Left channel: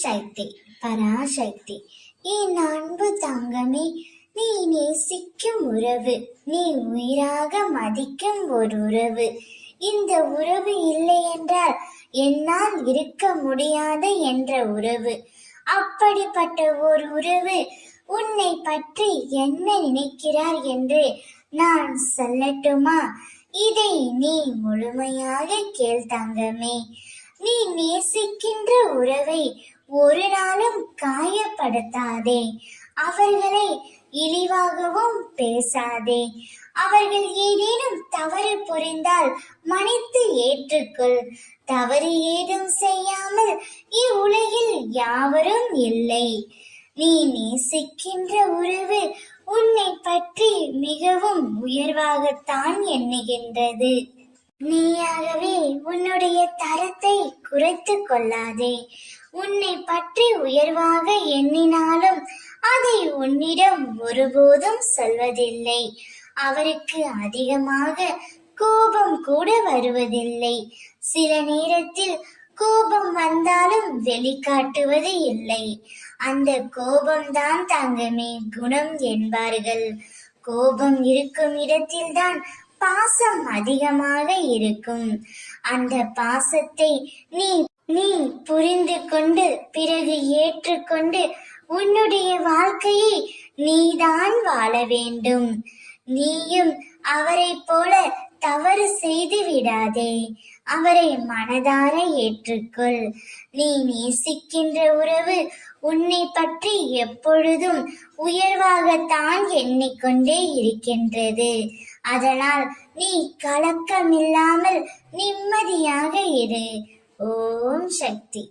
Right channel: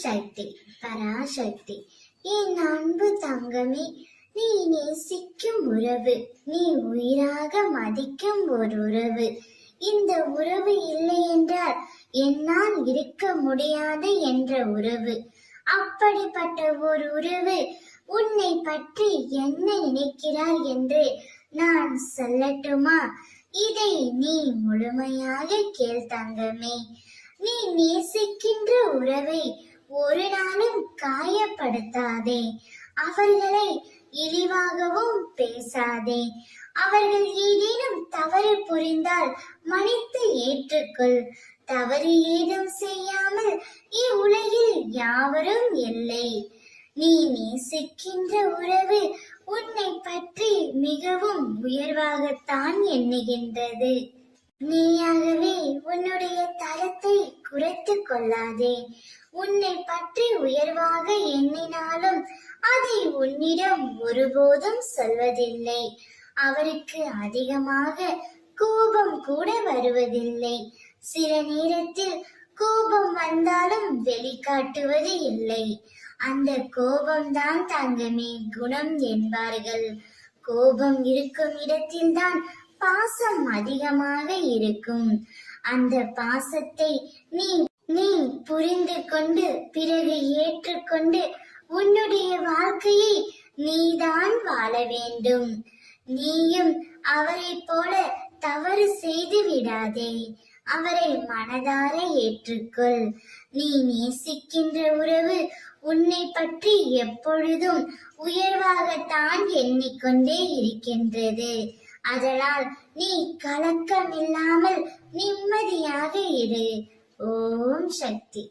சக்தி, பராசக்தி. என் அன்பு தங்கமே, நீ நேசிக்கும் உறவு, நீ உயிராக மதிக்கும் ஒரு உறவு. இந்த உறவு இல்லை என்றால் என்னால் இருக்க முடியாது என்ற உறவு. அப்படிப்பட்ட ஒரு உறவு உன்னை பற்றி என்ன நினைக்கிறார் என்று நான் சொல்லட்டுமா? இதை நீ முழுமையாக கேள் தங்கமே. நீ நேசிக்கின்ற உறவை ஒரு நாளும் காயப்படுத்தாதே. அவர்களை இழிவாகவும் பேசாதே. அவர்கள் ஏதேனும் தவறு புரிந்தால் மன்னித்து ஏற்றுக்கொள். தவறு ஏதும் செய்யாமல் இவ்வுலகில் யாவரும் இல்லை. நீ நேசிக்கின்ற உறவு உன்னை பற்றி மிகவும் உயர்வாகத்தான் எண்ணுகின்றது. நீயாகவே உன்னுடைய தரத்தை குறைத்து கொள்ளாதே. உன்னை பற்றி உயர்வாக எண்ணினாலும் அதை உன்னிடம் ஒருபோதும் சொல்வதில்லை. அவருக்கு அதிகமாக கோபம் கூட வருவதில்லை. சில நேரத்தில் கோபம் வந்தாலும் வெளிக்காட்டுவது இல்லை. அந்த கோபம்தான் தங்கமே குணம் என்பார்கள். கோபம் இருக்கும் இடத்தில்தான் பாசம் அதிகமாக இருக்கும். அந்த பாசத்தை நீ புரிந்து கொண்டு பிறகு ஏற்றுக்கொண்டு உன்னுடைய வாழ்க்கையை நீதான் வாழ வேண்டும். நீயும் அவரை போல தவறு செய்து விடாதே. அவரை மனதார ஏற்றுக்கொள். நீ நேசிக்கின்ற உறவு உன்னை பற்றி எப்பொழுதும் உயர்வாகத்தான் எண்ணிக்கொண்டே இருக்கின்றது. அதனால் நீ கலக்கமில்லாமல் நிம்மதியாக இரு. ஓம் சக்தி.